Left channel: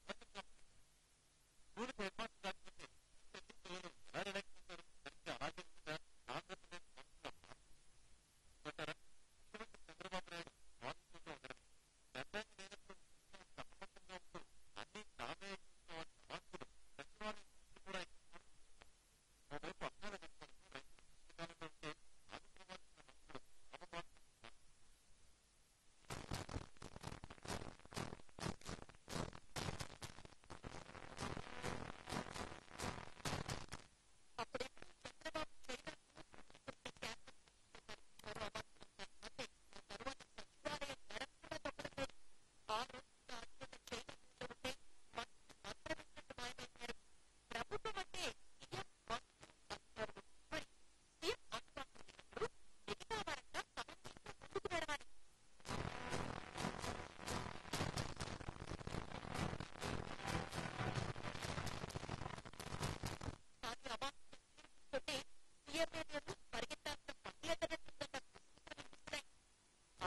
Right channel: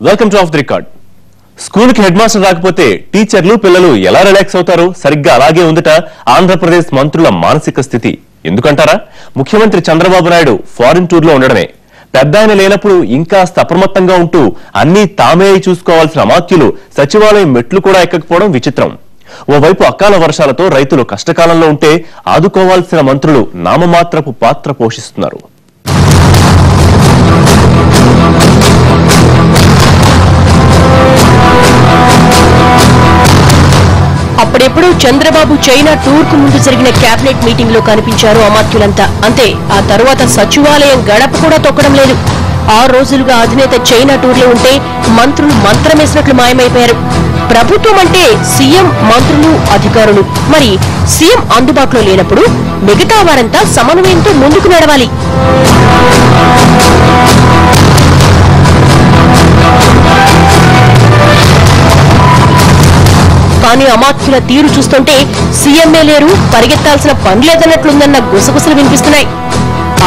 Welcome to of the record. School కి head master రాకపోతే టీచర్లు పిల్లలు ఎలా రిలాక్స్ అవుతారు? సరిగ్గా అలాగే ఉందట ఆంధ్రప్రదేశ్ మంత్రుల మానసిక స్థితి. ఎందుకంటారా? ముఖ్యమంత్రి చంద్రబాబు నాయుడు ఫారిన్ టూర్ లో ఉండడమే. పెద్ద ఆయన లేనప్పుడు ఇంకా అప్రమత్తంగా ఉంటూ అన్ని తామే చూసుకోవాల్సిన అమాత్యులు సచివాలయం మెట్లు కూడా ఎక్కకపోవడం విచిత్రం. ఓవైపు అకాల వర్షాలతో రైతులు కష్టకాలంలో ఉంటే ఆదుకోవాల్సిన మంత్రులు నామమాత్రపు పాత్ర పోషిస్తున్నారు. అప్పుడెప్పుడు చంద్రబాబు చైనా టూర్ కు ముందు జరిగిన కేబినెట్ మీటింగ్ లో కనిపించారు అమాత్యులంతా. అంతే, ఆ తరువాత సచివాలయం గడప కూడా తొక్కడం లేదు. 6 రోజులుగా అధినేత చైనా టూర్ లో ఉంటే మంత్రులు మంత్రమేసినట్లు మాయమైపోయారు. ప్రభుత్వం అంటే సీఎం, మంత్రులు, అధికారులు. మరి సీఎం అందుబాటులో లేనప్పుడు మిగతా వారంతా సమన్వయంతో ముందుకు నడవాలి. కానీ అమాత్యుల తీరు చూస్తుంటే సీఎంఏ లేరు, పరిగెత్తాల్సిన పని లేదన్నట్లుందన్న గుసగుసలు వినిపిస్తున్నాయి.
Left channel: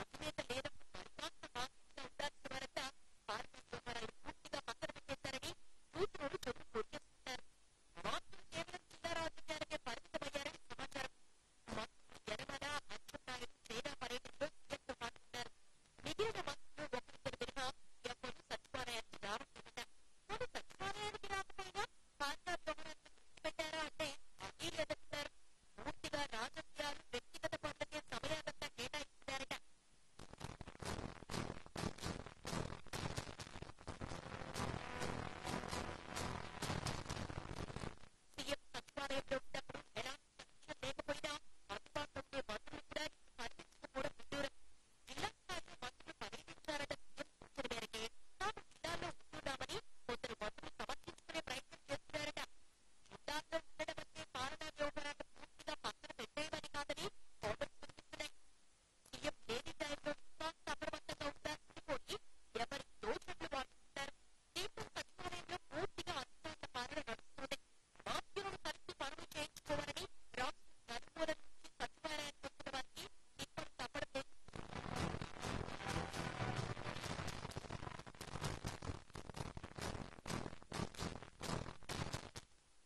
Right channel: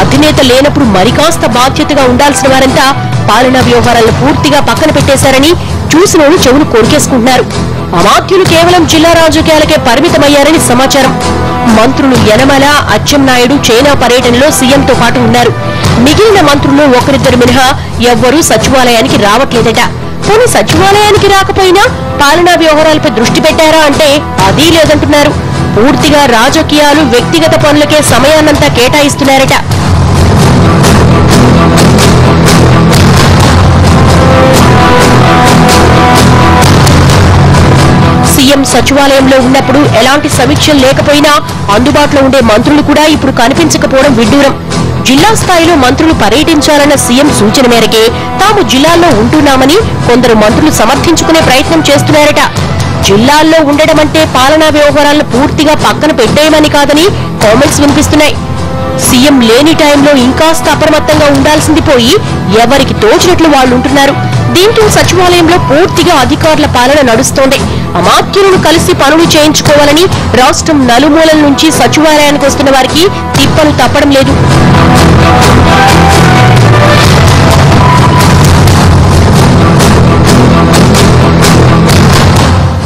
అధినేత లేనప్పుడు మరికాస్త బాధ్యతగా ఉండాల్సిన వారంతా పాలనా వ్యవహారాలను పూర్తిగా పక్కన పెట్టేశారని చూసినోడు చెవులు కొరికేసుకుంటున్నారు. అమాత్యులు కేవలం జిల్లా రాజకీయాలకే పరిమితమయ్యారని సమాచారం. మంత్రులు యనమల, అచ్చెన్నాయుడు చైనా పర్యటనలో సీఎంతో పాటు ఉన్నారు. మిగిలిన మంత్రులు ఒకరిద్దరు మినహా ఎవ్వరూ సచివాలయానికి రావట్లేదట. పోనీ సచివాలయానికి రాకపోయినా పాలనా వ్యవహారాలపై దృష్టి పెట్టారా అంటే అదీ లేదంటున్నారు. పూర్తిగా రాజకీయాలు, వ్యక్తిగత పనులకే సమయాన్నంతా కేటాయిస్తున్నారట. సీఎం సచివాలయంలో ఉన్నప్పుడు ఎలాంటి సమీక్షలు లేకపోయినా అందుబాటులో ఉండే మంత్రులు కూడా ఇప్పుడు కనిపించకపోవడం విడ్డూరం. జిల్లా స్థాయిలో మంత్రులు పర్యటించాలన్న సీఎం సూచన మేరకే తాము జిల్లాల్లో ఉంటున్నామని కొందరు మంత్రులు సమర్థించుకునే ప్రయత్నం చేస్తున్నారట. జిల్లాల్లో ఉండడం అంటే పాలనా వ్యవహారాలను పూర్తిగా పక్కన పెట్టేయమని కాదని కామెంట్స్ వినిపిస్తున్నాయి. సీఎం లేని టైంలో ఇంకాస్త అప్రమత్తంగా ఉండాల్సింది పోయి ఎవరికి తోచినట్లు వాళ్ళు ఉంటున్నారు. దీంతో సచివాలయంలో పూర్తిగా అధికారుల పాలన నడుస్తోంది. అమాత్యులను కలిసి పనులు చేయించుకోవాలని రాష్ట్రం నలుమూలల నుంచి సచివాలయానికి వస్తున్న వారికి తిప్పలు తప్పడం లేదు.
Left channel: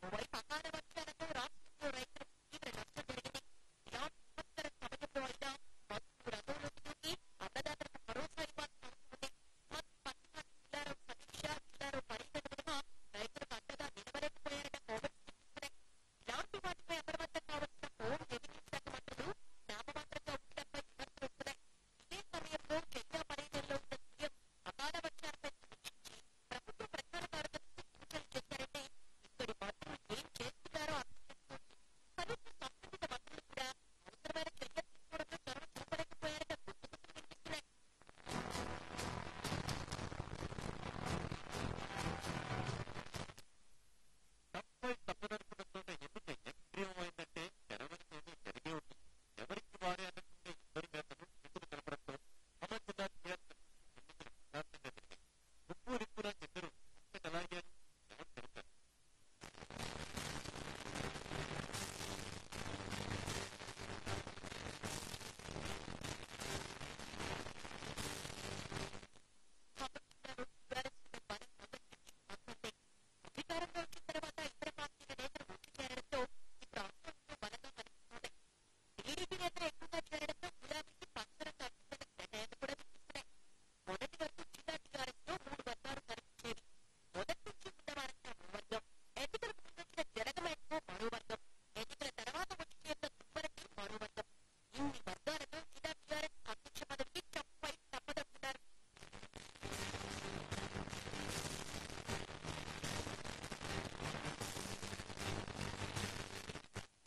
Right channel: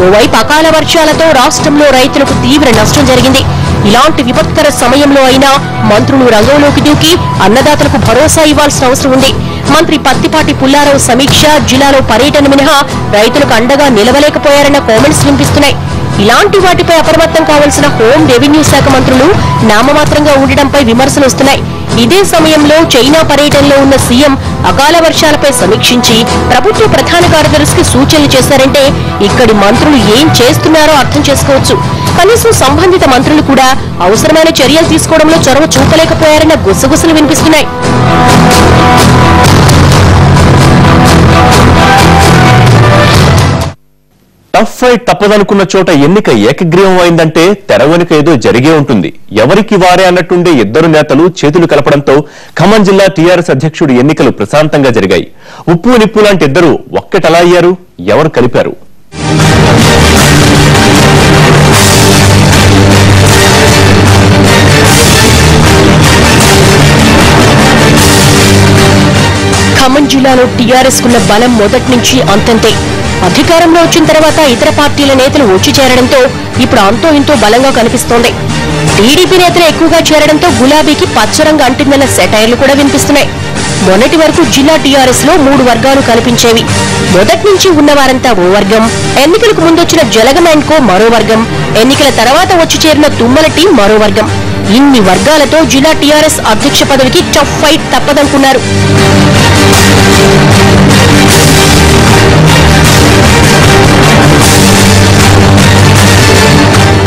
ఓవైపు అకాల వర్షాలతో రాష్ట్రంలో రైతులకు తీవ్ర నష్టం జరిగింది. ఇలాంటి విపత్కర సమయంలో అయినా మంత్రులు రంగంలోకి దూకి అన్నదాతలకు భరోసా ఇవ్వాల్సిన అవసరం ఉంది. మంత్రి పత్తిపాటి పుల్లారావు సమీక్ష, జిల్లాలో పర్యటన మినహా రైతులకు అండగా నిలవలేకపోయారన్న కామెంట్స్ వినిపిస్తున్నాయి. ఇలాంటి వాటిపై అప్రమత్తం కావాల్సిన హోం, రెవెన్యూ శాఖ మంత్రులు నామమాత్రంగా ఉండడంపై విమర్శలు వస్తున్నాయి. ఇదే సమయంలో చైనా పర్యటనలో ఉన్న సీఎం అకాల వర్షాలపై సమీక్షించి ప్రభుత్వ ప్రధాన కార్యదర్శికి సూచనలు చేశారంటే ఇక్కడి మంత్రులు ఏం చేస్తున్నారో అర్థం చేసుకోవచ్చు. కనీసం సంబంధిత మంత్రులు కూడా అవసరమైన చర్యలు తీసుకోవడంలో చొరవ చూపలేకపోయారన్న గుసగుసలు వినిపిస్తున్నాయి. టఫ్ ఫైట్ తప్పదనుకున్న చోట ఎన్నిక ఏకగ్రీవం అయిందంటే తెర వెనుక ఏదో జరిగే ఉంటుంది. ఎవరికి వారే అన్నట్టుండే ఇద్దరు నేతలు చేతులు కలపడంతో ఖమ్మం జిల్లా టీఆర్ఎస్ అధ్యక్షుడు ఎన్నికలు ప్రశాంతంగా జరిగాయి. ఉప్పు నిప్పు లాంటి ఇద్దరు ఒక్కటలా అయ్యారు? ఎవరు కలిపారు? ఖమ్మం జిల్లాలో టీఆర్ఎస్ కున్న బలం మొదటి నుంచి అంతంతే. అధికారంలో వచ్చిన తర్వాత ఇతర పార్టీల నేతలు వచ్చి చేరడంతో ఇప్పుడు అంతో ఇంతో బలంగా కనిపిస్తోంది. టీడీపీ నేతలు ఎక్కువగా చేరడంతో గులాబీకి పచ్చరంగు అంటిందన్న సెటైర్లు కూడా వినిపిస్తున్నాయి. మొన్నటి వరకు జిల్లా టీఆర్ఎస్ లో 3 వర్గాలు కనిపించేవి. మొదటి నుంచి ఉన్నవారంతా ఓ వర్గం, ఎన్నికలకు ముందొచ్చిన జలగం అండ్ కో మరో వర్గం, ఎన్నికల తర్వాత వచ్చి చేరిన తుమ్మల టీం మరో వర్గం. ఇన్ని వర్గాలతో జిల్లా టీఆర్ఎస్ అధ్యక్ష పదవికి టఫ్ ఫైట్ తప్పదనుకున్నారు.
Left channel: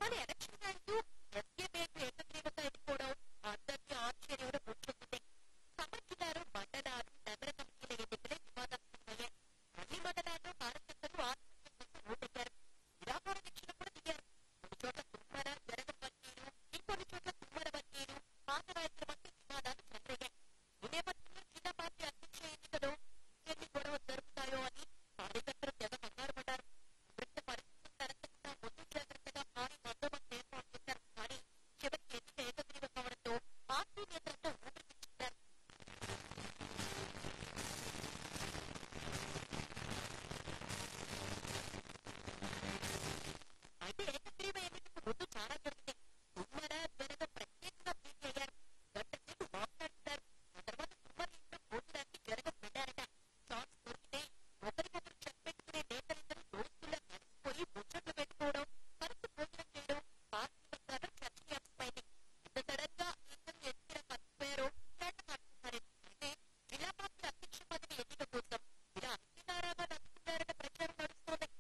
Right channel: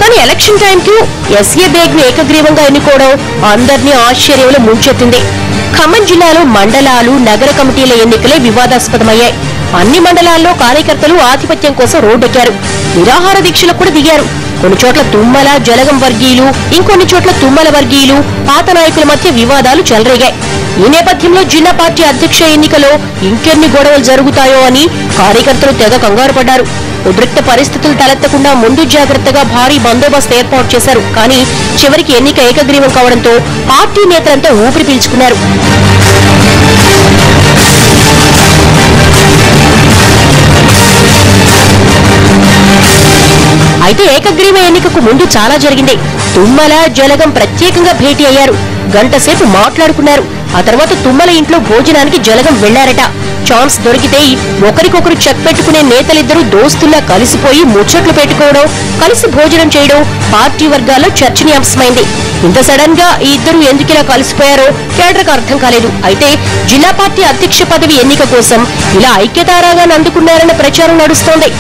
కానీ ఎలక్షన్ టైంకు ఎస్ఏ బేగ్ ను ఏకగ్రీవంగా ఎన్నుకోవడం అందరినీ ఆశ్చర్యంలో ముంచెత్తింది. ఖమ్మం జిల్లాలో మండలాలు, నగర కమిటీల ఎన్నికలే వివాదాస్పదమయ్యాయి. అన్ని మండలాల్లో కార్యకర్తలు ఆధిపత్యం కోసం రోడ్డెక్కారు. నిరాహార దీక్షలకు కూడా దిగారు. కొన్ని చోట్ల తుమ్మల, జలగం వర్గీయులు, ఇంకొన్ని చోట్ల తుమ్మల వర్గీయులు, పాత నాయకుల మధ్య వివాదాలు చెలరేగాయి. ఈ నేపథ్యంలో జిల్లా పార్టీ అధ్యక్ష ఎన్నికలో ఇంకెన్ని గొడవలు జరుగుతాయో అని కార్యకర్తలు తెగ కంగారు పడ్డారు. ఉద్రిక్త పరిస్థితులు తలెత్తకుండా ముందు జాగ్రత్తగా భారీ బందోబస్తు ఏర్పాటు చేశారు. కానీ చివరికి ఎన్నిక ఏకగ్రీవం కావడంతో పార్టీ నేతలంతా ఊపిరి పీల్చుకున్నారు. అయితే ఏకగ్రీవ ఎన్నికకు ముందు చాలా జరిగింది. తుమ్మల, జలగం ప్రత్యేకంగా భేటీ అయ్యారు. గంట సేపు మాట్లాడుకున్నారు. ఆ తర్వాత తుమ్మల ఇంట్లో భోజనానికి జలగం వెళ్లారట. ఛాన్స్ దొరికితే ఒకరికొకరు చెక్ పెట్టుకునే నేతలిద్దరూ దోస్తుల్లా కలిసిపోయి ముచ్చట్లు పెట్టుకోవడం, కలిసి భోజనం చేయడం పార్టీ వర్గాల్లో చర్చనీయాంశమైంది. ఇంత సడన్ గా ఈ ఇద్దరు ఎందుకిలా కలిసిపోయారో కేడర్కు అర్థం కాలేదు. అయితే జిల్లా పార్టీ అధ్యక్ష పదవి ఎన్నిక కోసం ఇలా ఐక్యతారాగాన్ని అందుకున్నారన్న ప్రచారం నడుస్తోంది.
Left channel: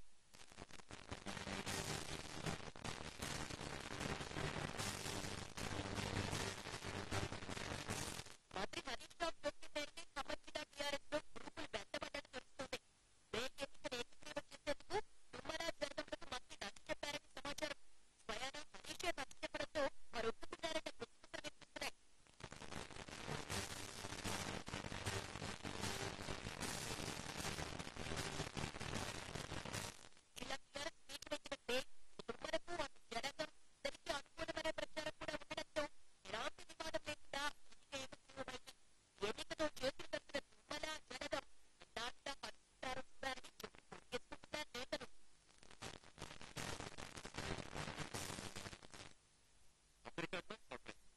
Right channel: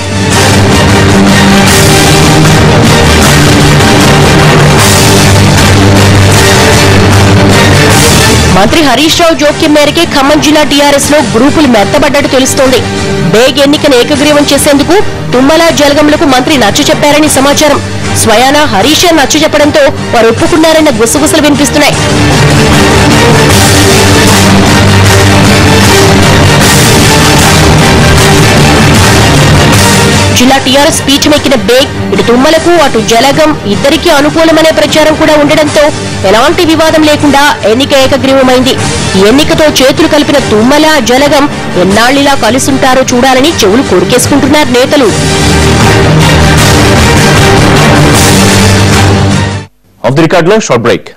మంత్రి హరీష్ రావు జోక్యం మేరకే ఖమ్మం జిల్లా టీఆర్ఎస్ లో గ్రూపులు మెత్తబడ్డట్టు తెలుస్తోంది. బేగ్ ఎన్నికను ఏకగ్రీవం చేసేందుకు తుమ్మల, జలగంలకు మంత్రి నచ్చ చెప్పారని సమాచారం. స్వయానా హరీష్ నచ్చ చెప్పడంతో వారు ఒప్పుకున్నారన్న గుసగుసలు వినిపిస్తున్నాయి. జిల్లా టీఆర్ఎస్ పీఠమెక్కిన బేగ్ ఇటు తుమ్మలకు అటు జలగం ఇద్దరికీ అనుకూలమనే ప్రచారం కూడా ఉండడంతో ఎలాంటి వివాదం లేకుండా ఎన్నిక ఏకగ్రీవమైంది. ఈ ఎన్నికతో చేతులు కలిపిన తుమ్మల, జలగం ఎన్నాళ్లిలా కలిసుంటారో చూడాలని చెవులు కొరికేసుకుంటున్నారు నేతలు. ఆఫ్ ది రికార్డ్ లో షార్ట్ బ్రేక్.